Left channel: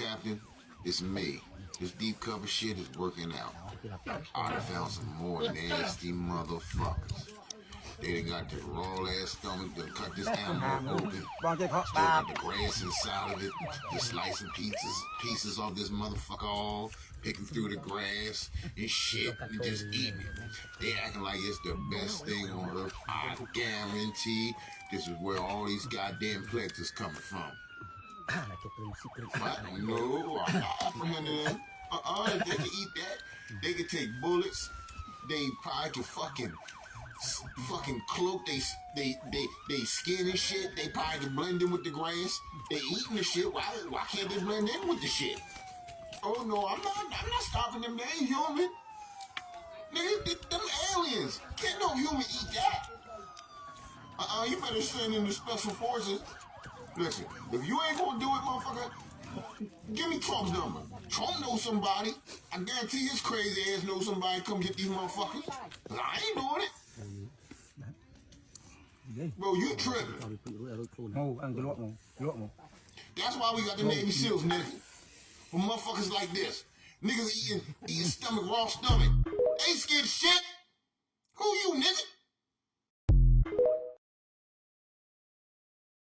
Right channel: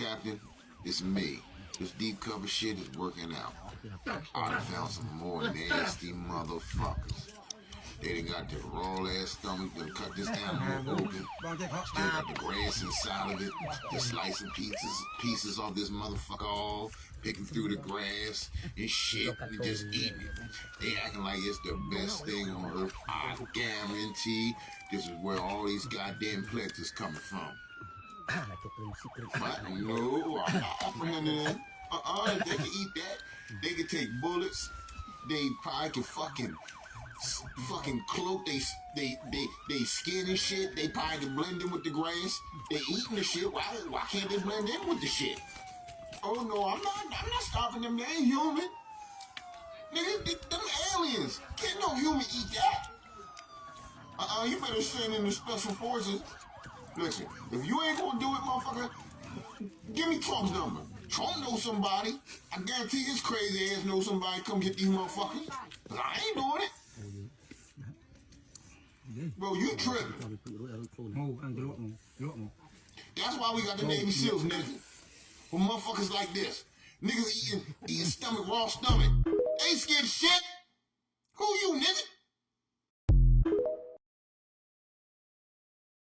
Captain, it's me. This deep cover shit is working out. I done found some more nasty motherfuckers. They done got this raw ass stomach, done cut this animal open. Still got the grass inside of it. Just slicing pieces off this motherfucker off, picking through the grass and shit, and just eating it. They acting like it's the best thing on earth. I guarantee this is where all these goddamn plagues is coming from. What? No, I'm not apprehending them. They can eat that. They can take bullets. They probably can fucking cloak they skin and shit. They probably can blend in with the grass. They eating the shit. Why can't they blend in with the shit? Oh no, I'm not stopping them. They ain't human. Nigga, them aliens. Can't no human eat that. You better send in the special forces. Listen, if you ain't gonna do it, motherfucker, give me Trump's number. Trump knows somebody. I guarantee his crazy ass knows somebody come get these motherfuckers. I ain't doing it. Bro, you tripping. That's why we got the Navy SEALs, nigga. For motherfuckers like this. Niggas eating stomach, raw stomach. They ain't scared of shit. Who you, nigga?